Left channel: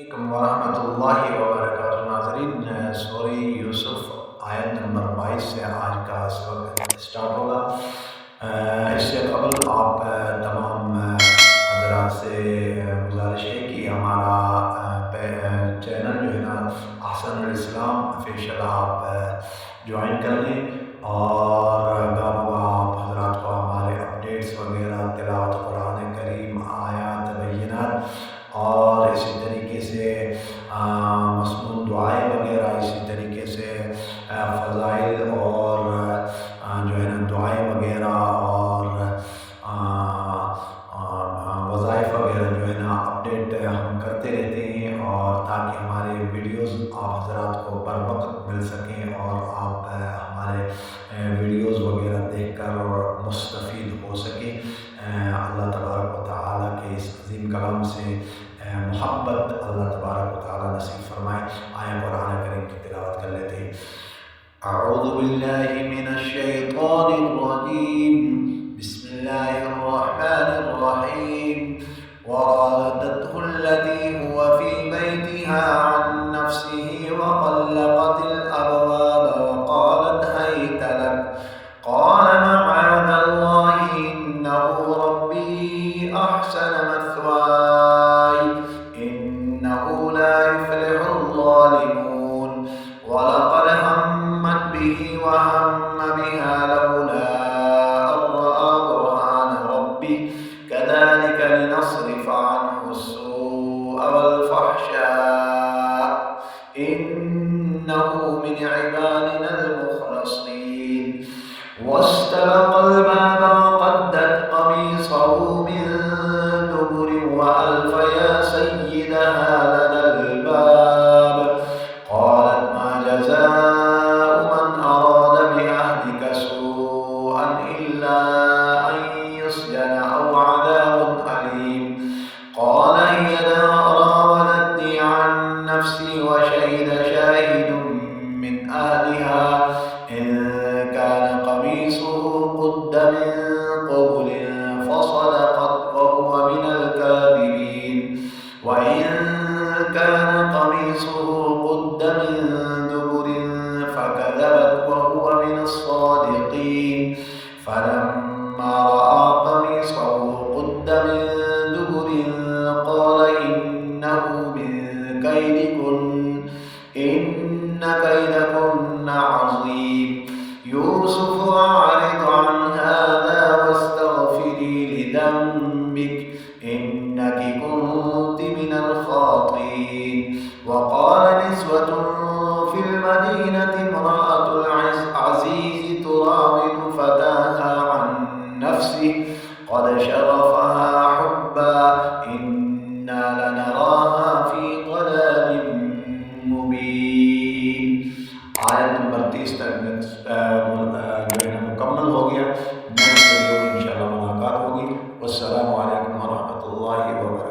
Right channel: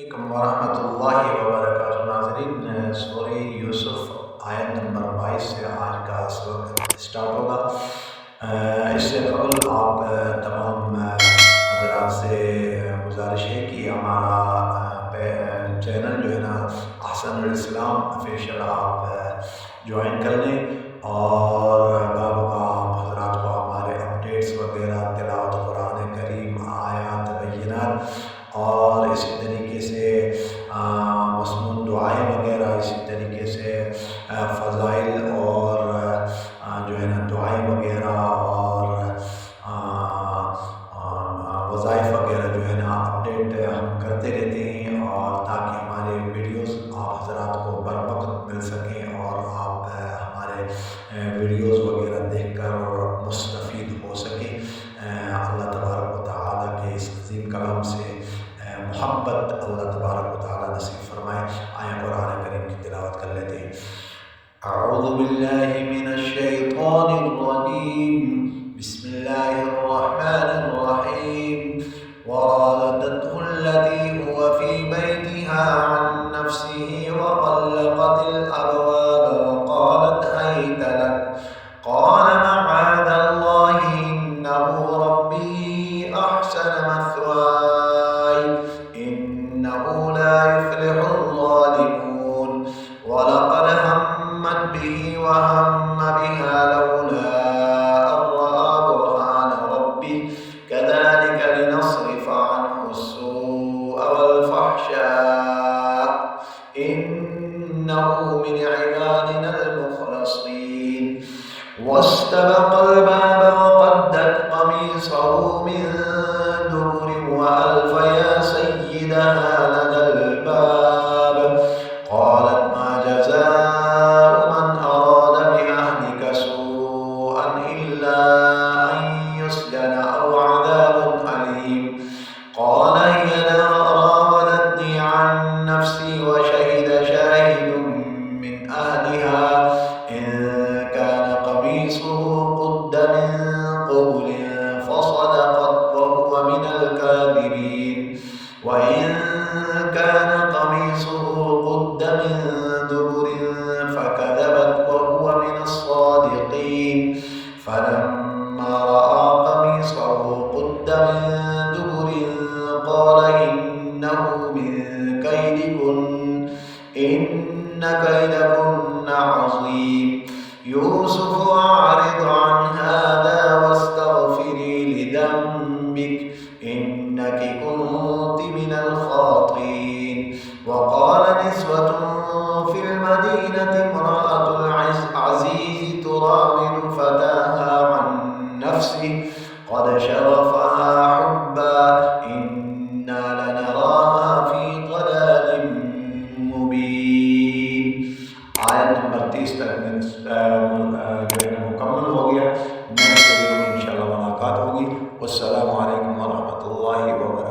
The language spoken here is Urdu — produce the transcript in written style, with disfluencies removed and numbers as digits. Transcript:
علیکم ورحمۃ اللہ وبرکاتہ۔ ناظرین، سورہ یوسف آیت نمبر 22 سے آج کا سبق اسٹارٹ ہوگا۔ اس سے قبل آپ تمام حضرات سے گزارش ہے کہ ہمارا چینل جو ہے نا احسن الاسلام آفیشیل آپ جوائن کر لیں، اور گاہ بگاہ آپ حضرات کو ہمارے اپڈیٹس وغیرہ، تلاوت قرآن کریم، آیات بینات، اور اسی طریقے سے مسنون دعائیں وغیرہ، اسی طریقے سے فضائل اور جو ہے نا دعائیں وغیرہ اور وظائف وغیرہ جو ہے نا اپڈیٹ ہم کرتے رہتے ہیں، اور تاکہ ہمارے ویڈیوز آپ حضرات کو بر وقت مل سکیں اور آپ ہمارے ویڈیوز وغیرہ دیکھ کر مستفید ہو سکیں۔ اللہ تبارک و تعالیٰ کے اس عظیم کلام سے محبت اللہ تبارک و تعالیٰ نصیب فرمائے۔ آئیں قرآن کریم کی تلاوت کر لیتے ہیں۔ اعوذ باللہ من الشیطان الرجیم، بسم اللہ الرحمن الرحیم۔ وراودته التي هو في بيتها عن نفسه وغلقت الأبواب وقالت هيت لك قال معاذ الله إنه ربي أحسن مثواي إنه لا يفلح الظالمون ولقد همت به وهم بها لولا أن رأى برهان ربه كذلك لنصرف عنه السوء والفحشاء إنه من عبادنا المخلصين واستبق الباب وقدت قميصه من دبر وألف يا سيدها لدى الباب قالت ما جزاء من أراد بأهلك سوءا إلا أن يسجن أو عذاب أليم قال هي راودتني عن نفسي وشهد شاهد من أهلها إن كان قميصه قد من قبل فصدقت وهو من الكاذبين وإن كان قميصه قد من دبر فكذبت وهو من الصادقين فلما رأى قميصه قد من دبر قال إنه من كيدكن إن كيدكن عظيم يوسف أعرض عن هذا واستغفري لذنبك إنك كنت من الخاطئين وقال نسوة في المدينة امرأة العزيز تراود فتاها عن نفسه قد شغفها حبا إنا لنراها في ضلال مبين۔ آیت نمبر 30 تک جو ہے نا مکمل ہو گیا۔ نیکسٹ ویڈیو میں انشاءاللہ ملاقات ہوگی۔ والسلام علیکم ورحمۃ اللہ وبرکاتہ۔